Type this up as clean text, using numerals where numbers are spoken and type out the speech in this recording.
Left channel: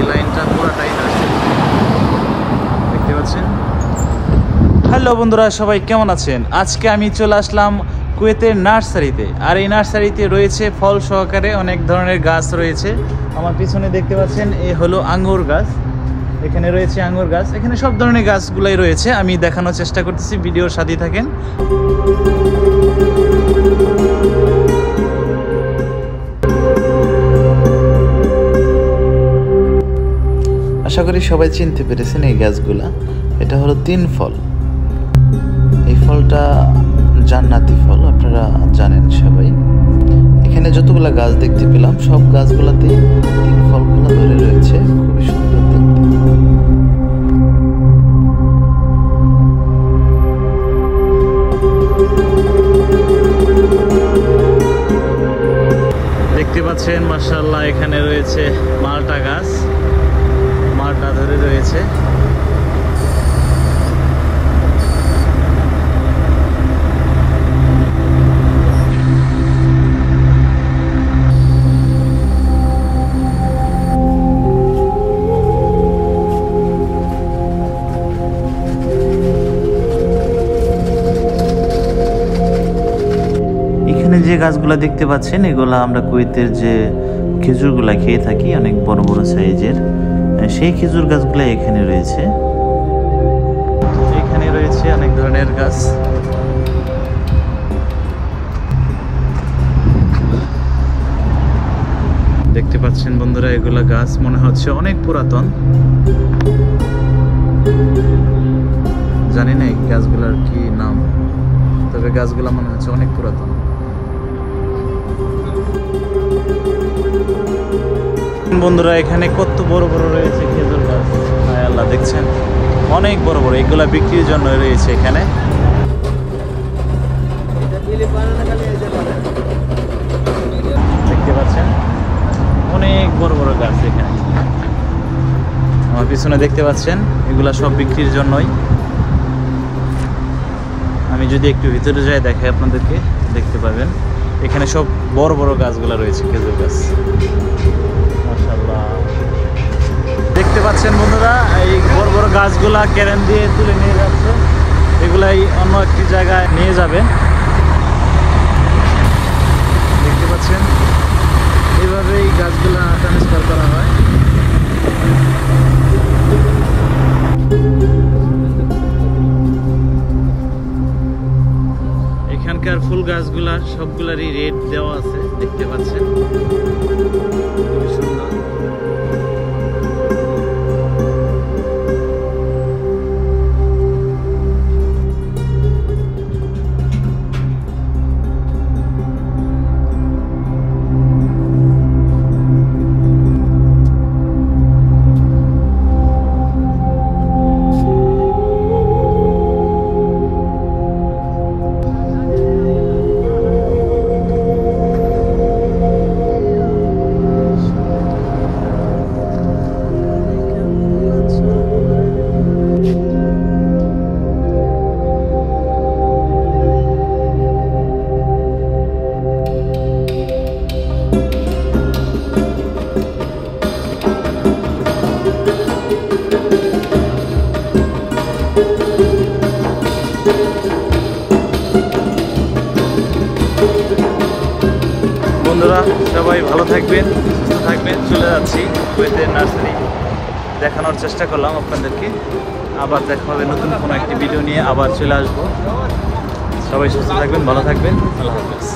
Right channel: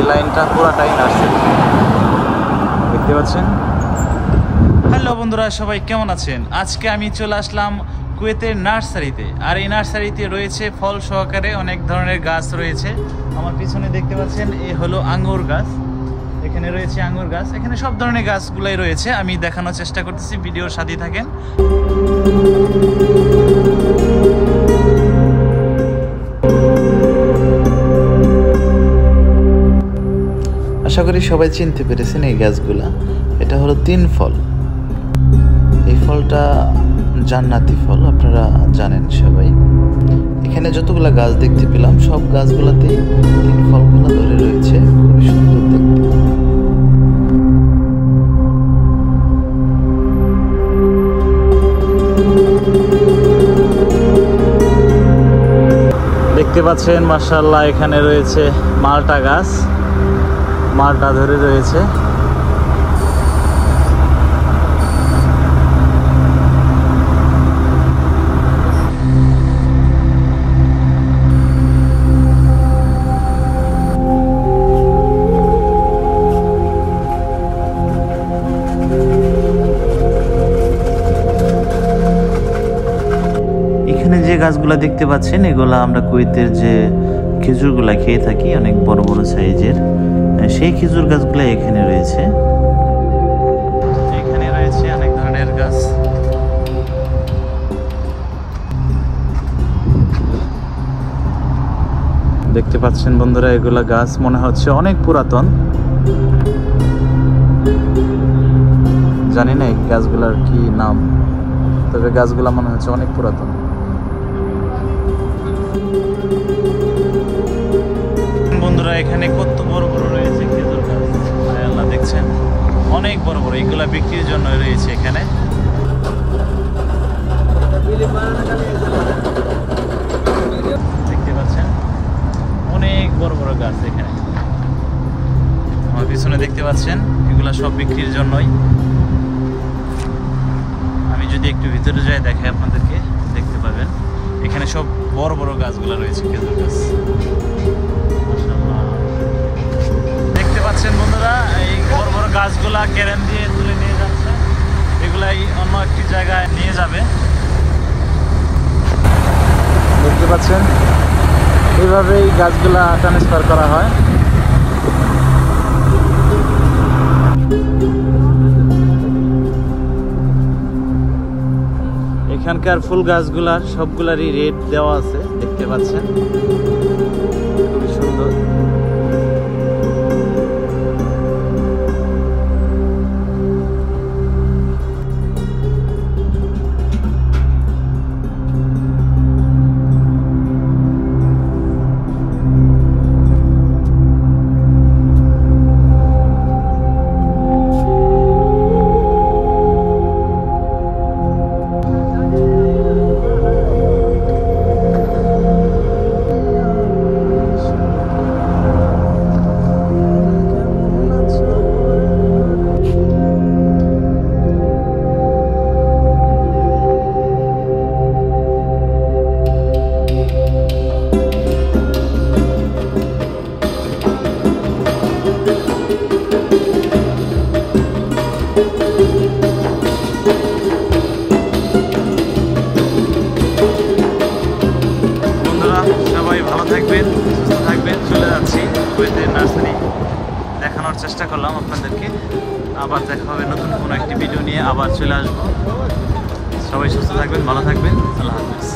এই লাইনটা পুরাটাই নার্সারি, দেখতে পাচ্ছেন। হ্যালো বন্ধুরা, সবাই কেমন আছেন? আজকে আমি চলে আসলাম কুয়েতের নার্সারিতে। আর এই নার্সারিতে রয়েছে ফল সহকারে অনেক ধরনের গাছ রয়েছে। আমার পিছনে দেখতে পাচ্ছেন এই হলো আঙ্গুর গাছ, এখানে রয়েছে আঙ্গুর গাছ, এখানে সব ধরনের গাছগুলাই রয়েছে। আমি দেখানোর চেষ্টা করতেছি, ভিডিওর সাথেই থাকেন। আশা করি সবাই চিনতে পেরেছেন এই গাছগুলা। এটা হলো তিন ফল। এই ফলটা জান্নাতি ফল, আপনারা জানেন সবাই। এখানে যতগুলা গাছ দেখতে পেলাম সব গাছগুলাতেই তিন ফলগুলা ধরে রয়েছে, খুবই সুন্দর দেখতে। দেখতে পাচ্ছেন মাশাআল্লাহ, এখানে রয়েছে মালটা গাছ, মালটা ধরে রয়েছে। এখানে যে গাছগুলা দেখতে পাচ্ছেন এগুলা আমরা কুয়েতের যে খেজুরগুলা খেয়ে থাকি, অনেক বড় বড় সাইজের, সেই খেজুর গাছগুলা এখানে রয়েছে। এখানে রয়েছে অনেক ধরনের গাছ। দেখতে পাচ্ছেন বন্ধুরা, এগুলা গাছ মনে হচ্ছে অনেক পুরাতন। জানি না এই গাছগুলার কি নাম, তবে গাছগুলা মনে হচ্ছে অনেক পুরাতন। বন্ধুরা, এখানে কত বড় বড় রয়েছে খেজুর গাছ, হায় আল্লাহ, দেখছেন অনেক বড় বড়। এগুলা বিক্রির জন্য রয়েছে এখানে। দেখতে পাচ্ছেন অনেক বড় বড় গাছ এখানে। আমার পিছনে দেখতে পাচ্ছেন এগুলা সব বিক্রির জন্যই। আমি যদি একটু ভিতরে যাই দেখে আপনাদেরকে, দেখতে পাবেন এখানে সব বড় বড় গাছগুলা রয়েছে, খেজুর গাছ। মাশাআল্লাহ, দেখতে পাচ্ছেন বন্ধুরা, এই বড় বড় গাছগুলা ক্যারেন দিয়ে তুলে নিয়ে যাচ্ছে, এগুলাই অন্য একটি জায়গায় নিয়ে যাবে। দেখতে পাচ্ছেন এইভাবেই গাছগুলা ট্রান্সফার করা হয়। এখানকার ফুল গাছগুলার সবগুলারই রেট দেওয়া আছে, দেখতে পাচ্ছেন, খুবই সুন্দর। বন্ধুরা, সবাই ভালো থাকবেন, সুস্থ থাকবেন। চলে যাচ্ছি কুয়েতের নার্সারি, দেখানোর চেষ্টা করলাম আপনাদেরকে। আবার দেখা হবে নতুন কোনো একটি ভিডিও নিয়ে, আবার চলে আসবো। সবাই সুস্থ থাকবেন, ভালো থাকবেন, আল্লাহ হাফেজ।